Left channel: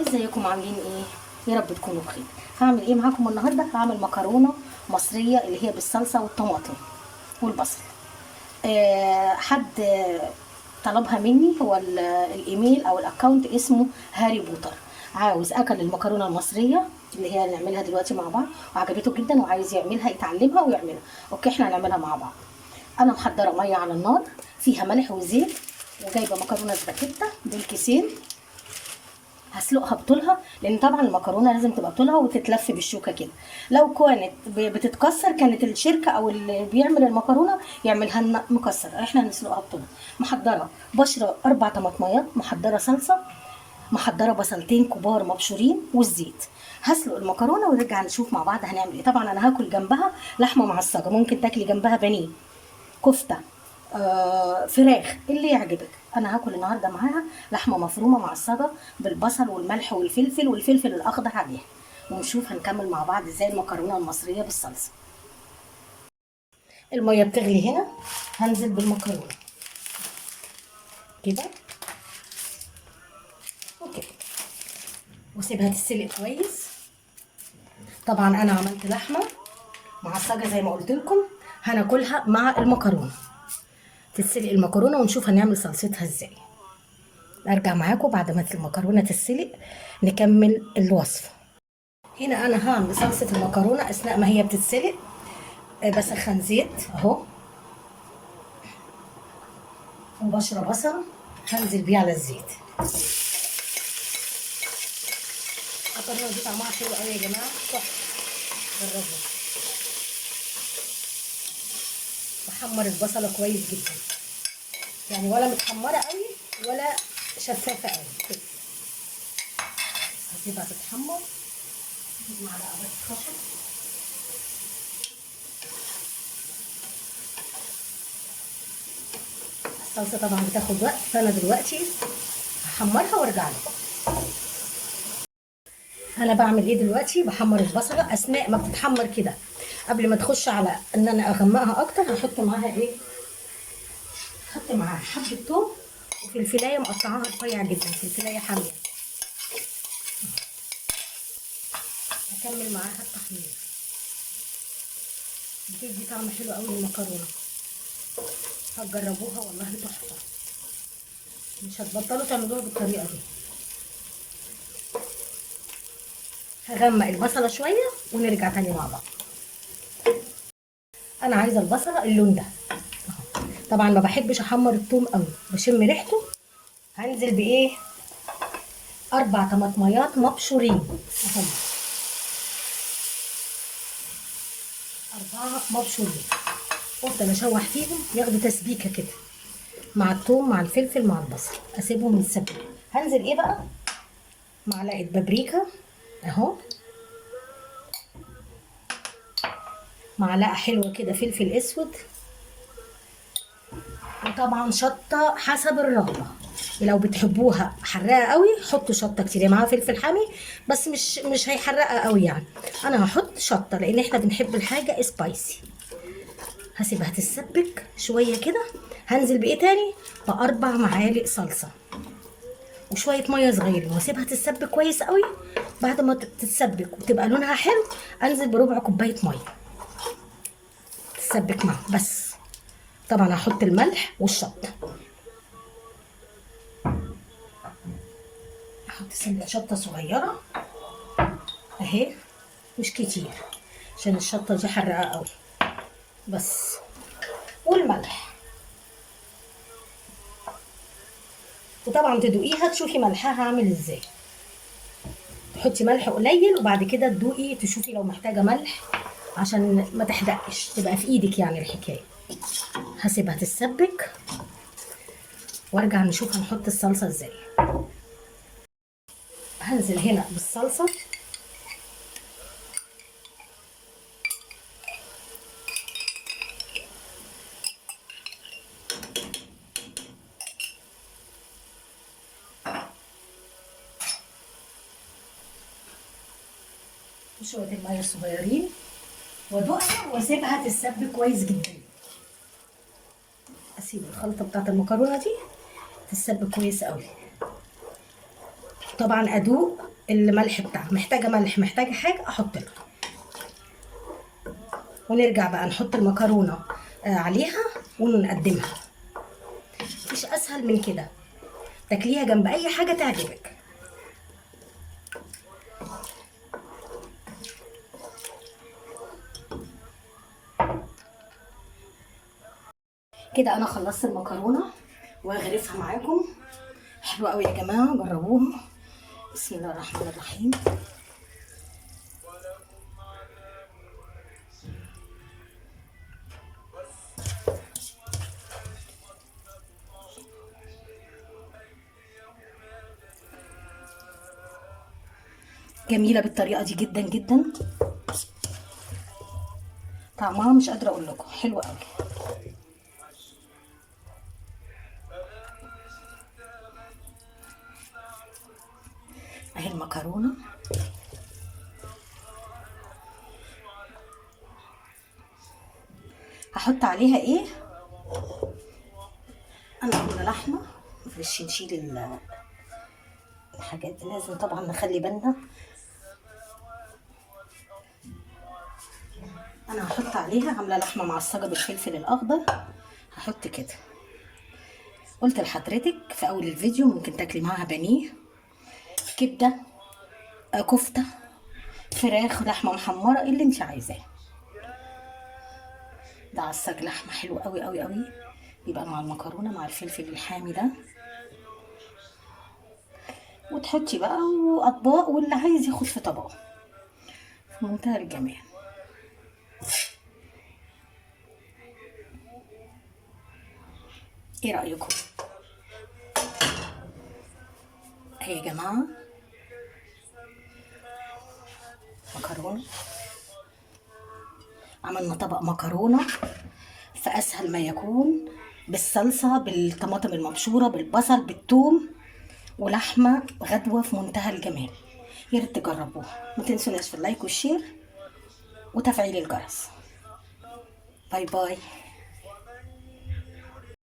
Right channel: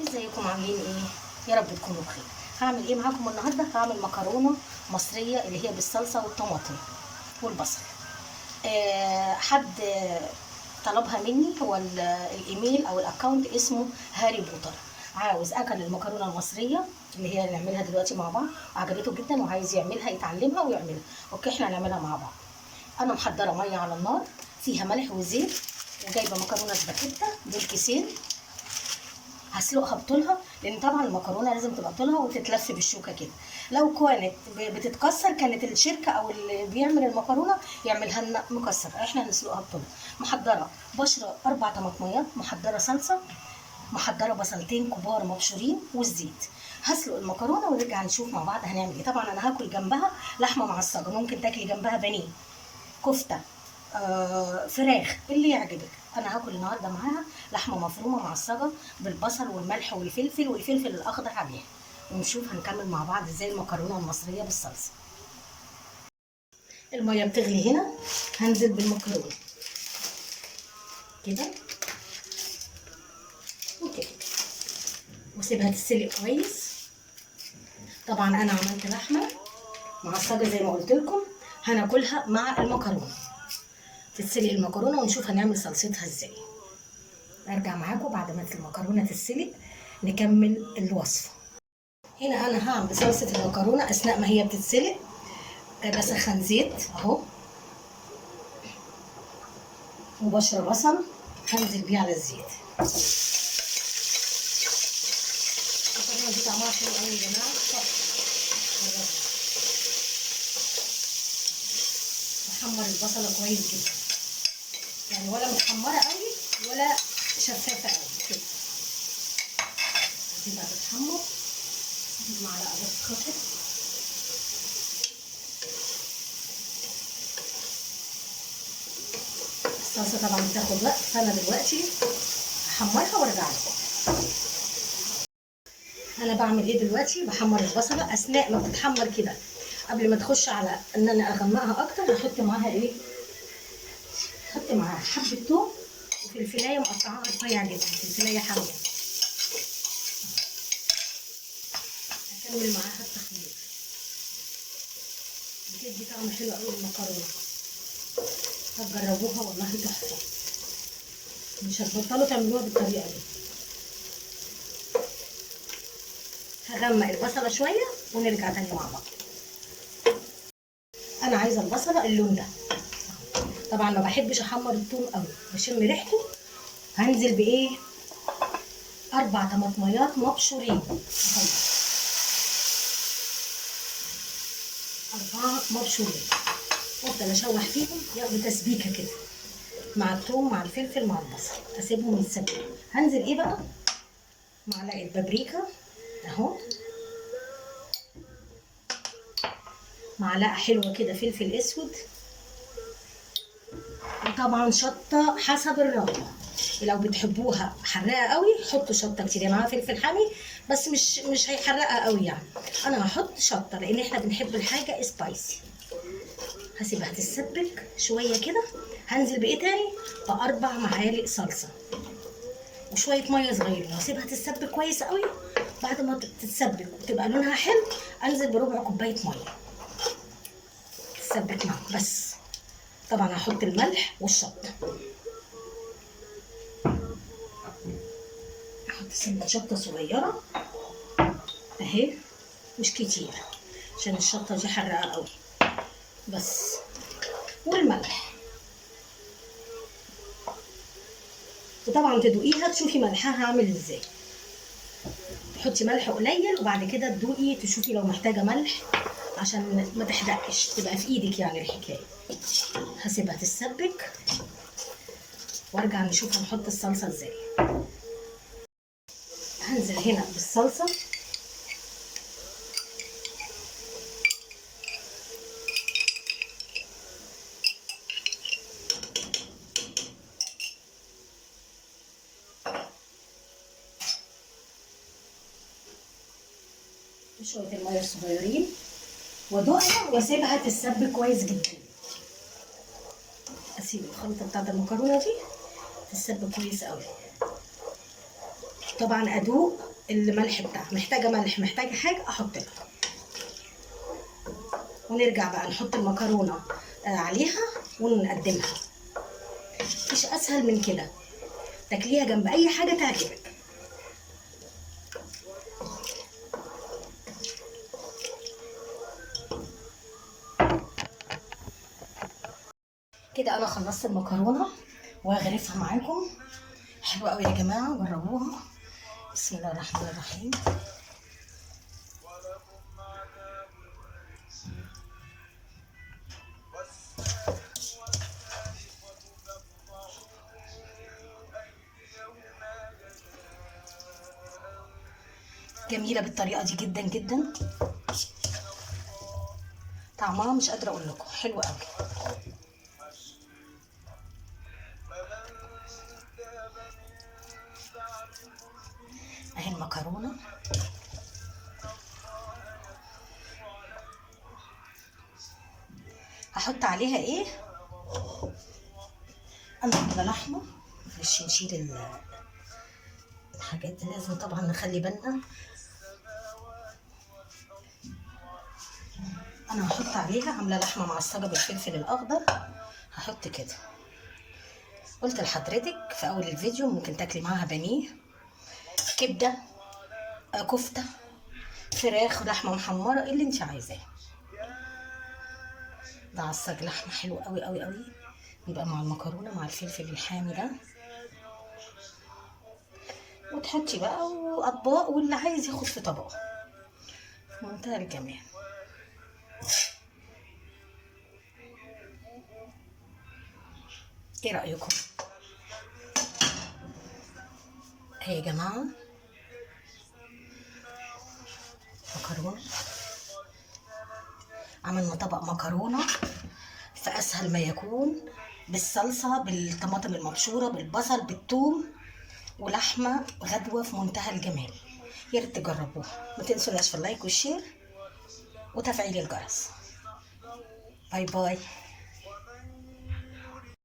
ازيكم عاملين ايه؟ يا رب تكونوا بخير. هعمل ايه معاكم النهارده؟ هعمل مكرونه مصريه اللي هي بالصلصه والطماطم والبصل. حد طلبها مني، هو الايميل او الاكونت اسمه هاري بوتر. عاوز اكل المكرونه المصريه اللي هي نعملها دلوقتي مع بعض، وعجبته جدا وعايز يعملها، يتعلمها ويعملها. اوكي، احنا هنعملها مع بعض. انا محضره ميه على النار فيها ملح وزيت، وجايبه مكرونه سباكيتا دول كيسين. هسلقها بطولها، لان طبعا المكرونه لازم تبقى طولها وتتلف بالشوكه كده. لو كانت بتتكسر كانت الشركه او اللي بيعمل المكرونه يعملها لنا مكسر، احنا هنسلقها بطولها. محضره بشره 4 طماطميات، محضره صلصه، محضره بصلتين كبار مبشورين والزيت. هسلق المكرونه ونرجع نشوف مع بعض هنعمل ايه. طبعا انا هاكل جنبها لحمه معصجه، ممكن تاكلي جنبها بانيه، كفته، فراخ، اللي يعجبك. انا هاكل النهارده معاها لحمه مفرومه معصجه بالبصل والملح والفلفل الاخضر عليها. ونشوف هنكمل مع بعض ازاي المكرونه المصريه بالصلصه. الميه بتغلي هنا، هنزل بالمكرونه كده وكده واسيبها تتسلق كويس. طبعا انا عملت لحمه معصجه زي ما قلت لكم، هناكلها مع المكرونه. تتسلق المكرونه ونشوف هنعمل صلصتها ازاي. ارجع معاكم بعد ما المكرونه تتسلق نكمل الوصفه. هنا انا هعمل صلصه المكرونه اثناء ما هي بتتسلق. بسخن زيت اهو، وبشر بصل هنزل بيه على الزيت. المكرونه دي طعمها حلو قوي يا جماعه، تحفه، جربوا. بحمر البصله كويس جدا، يعني ولا متحمره قوي ولا شفافه قوي كده. هسيبها تتحمر معلقه بس خفيفه. الصلصه طبعا بتاخد وقت، فانا دلوقتي هحمرها وارجع لكم. انا بعمل ايه دلوقتي؟ بحمر البصله. اثناء ما بتتحمر كده، قبل ما تخش على ان انا اغمقها اكتر، هحط معاها ايه؟ هحط معاها حبه توم وفلفلايه مقطعاها رفيع جدا، فلفلايه حاميه. هكمل معاها التحمير، بتدي طعم حلو قوي للمكرونه. هتجربوها والله تحفه، مش هتبطلوا تعملوها بالطريقه دي. هغمق البصله شويه ونرجع تاني مع بعض. انا عايزه البصله اللون ده. طبعا ما بحبش احمر الثوم قوي، بشم ريحته. هنزل بايه؟ 4 طماطميات مبشورين اهم، 4 مبشورين. افضل اشوح فيهم ياخدوا تسبيكه كده مع الثوم مع الفلفل مع البصل، اسيبهم يتسبكوا. هنزل ايه بقى؟ معلقه بابريكا اهو، معلقه حلوه كده فلفل اسود، وطبعا شطه حسب الرغبه. لو بتحبوها حراقه قوي حطوا شطه كتير، معاها فلفل حامي بس مش هيحرقها قوي يعني. انا هحط شطه لان احنا بنحب الحاجه سبايسي. هسيبها تتسبك شويه كده. هنزل بايه تاني؟ ب4 معالق صلصه وشويه ميه صغيرين، واسيبها تتسبك كويس قوي. بعد ما تتسبك وتبقى لونها حلو، انزل بربع كوبايه ميه تتسبك معاها بس. طبعا هحط الملح والشطه، احط سنه شطه صغيره اهي، مش كتير عشان الشطه دي حرقه قوي بس. والملح، وطبعا تدوقيها تشوفي ملحها عامل ازاي. تحطي ملح قليل وبعد كده تدوقي تشوفي لو محتاجه ملح عشان ما تحدقش، تبقى في ايدك يعني الحكايه. هسيبها تتسبك وارجع نشوف هنحط الصلصه ازاي. هنزل هنا بالصلصه، وشويه الميه الصغيرين، وادوقها واسيبها تتسبك كويس جدا. اسيب الخلطه بتاعت المكرونه دي تتسبك كويس قوي. طبعا ادوق الملح بتاعها، محتاجه ملح محتاجه حاجه احط لها. ونرجع بقى نحط المكرونه عليها ونقدمها. مفيش اسهل من كده، تاكليها جنب اي حاجه تعجبك. كده انا خلصت المكرونه وهغرفها معاكم. حلوه قوي يا جماعه، جربوها. بسم الله الرحمن الرحيم. جميله بالطريقه دي جدا جدا، طعمها مش قادره اقول لكم حلو قوي. اهي المكرونه، هحط عليها ايه؟ انا عامله لحمه، معلش نشيل الحاجات دي، لازم طبعا نخلي بالنا. انا هحط عليها، عامله لحمه معصجه بالفلفل الاخضر، هحط كده. قلت لحضرتك في اول الفيديو ممكن تاكلي معاها بانيه، كبده، كفته، فراخ، لحمه محمره، اللي انت عايزاه. ده عصاج لحمه حلو قوي قوي قوي، يبقى مع المكرونه مع الفلفل الحامي ده. وتحطي بقى واطباق، واللي عايز ياخد في طبقه، في منتهى الجمال. ايه رايكم؟ اهي يا جماعه مكرونه، عملنا طبق مكرونه في اسهل ما يكون، بالصلصه، بالطماطم المبشوره، بالبصل، بالثوم، ولحمه غدوه في منتهى الجمال. يا ريت تجربوها، ما تنسوناش في اللايك والشير وتفعيل الجرس. باي باي.